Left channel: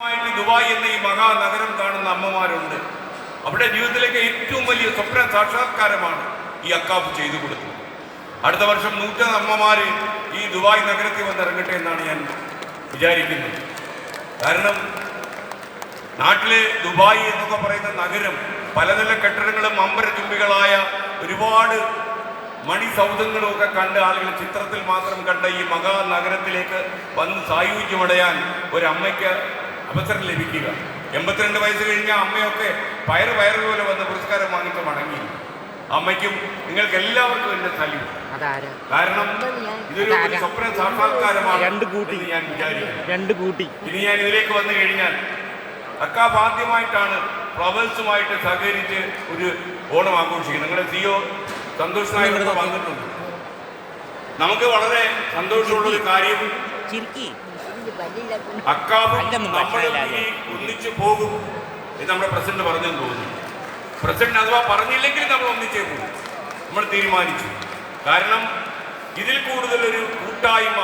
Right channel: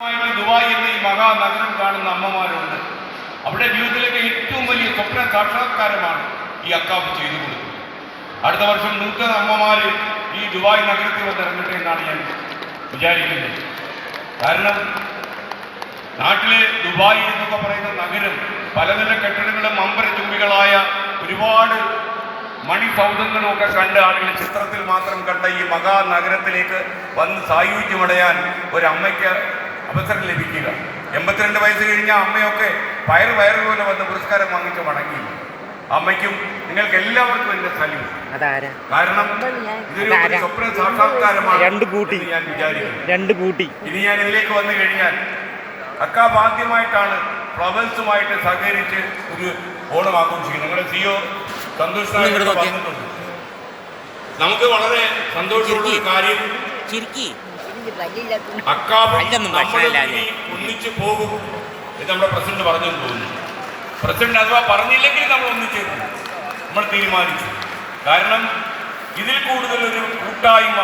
Dubai എന്ന ഈ മഹാനഗരം കാണുന്ന അമ്മമാരുണ്ട്. അവിടെ ജീവിതത്തിലേക്ക് ഏറ്റവും വലിയ സ്വപ്ന സാക്ഷാത്കാരമാണ് ഈ അക്കാഫ് ചെയ്തു കൊടുത്തത്. അടുത്ത വർഷം 100 അമ്മമാർ ഈ ദുബായ് നഗരത്തിൽ വന്നിറങ്ങട്ടെ എന്നാണ് ഞാൻ വിചാരിക്കുന്നത്. കാരണം നാട്ടിലെ ദുബായ് എന്നൊക്കെ പറയുന്ന നഗരം പലതര കെട്ടിടങ്ങളും അമ്പരചുംബികളായ ഒരുപാട് മണിസൗധങ്ങളും ഒക്കെ കണ്ട് ആളുകൾ ചിത്രത്തിൽ മാത്രം കണ്ട ഈ മഹാനഗരത്തിലേക്ക് വന്ന് സായുജ്യമടയാൻ ഒരമ്മയ്ക്ക് അവസരം ലഭിക്കുക. 82 വയസ്സ് കഴിഞ്ഞ അമ്മയൊക്കെ വയറുപോലെ വന്ന് പുരസ്കാരം വാങ്ങിച്ച് മടങ്ങി. അമ്മയ്ക്കും നിങ്ങൾക്ക് എല്ലാവർക്കും എന്റെ സല്യൂട്ട്. കാരണം ഇതൊരു സ്വപ്ന സാക്ഷാത്കാരമാണ്. ഞാൻ വിചാരിക്കുന്നു ഇനി ഞാൻ ഇതിലേക്ക് വന്നു കഴിഞ്ഞാൽ അക്കാഫ് ആദ്യമായിട്ടാണ് ഫ്ലവേഴ്സുമായിട്ട് സഹകരിച്ച് ഒരു ഓണം ആഘോഷിക്കുന്നത്. നിങ്ങളുടെ സിഒ സന്തോഷ് വന്നിട്ടുണ്ട്. നമുക്ക് വളരെ സന്തോഷമുള്ള ഒരു കാര്യം, അക്കാഫ് ഒന്നിച്ചു പോകും എന്ന് നമ്മുടെ പ്രസിഡന്റ് പറഞ്ഞു പോകുന്നു. പ്രസിഡന്റ് അഥവാ പറഞ്ഞില്ലെങ്കിൽ നമ്മൾ ഒന്നിച്ചേക്കും നമ്മൾ തീരുമാനിച്ചു. കാരണം ഇതിൽ കൂടുതലൊരു കൂട്ടായ്മ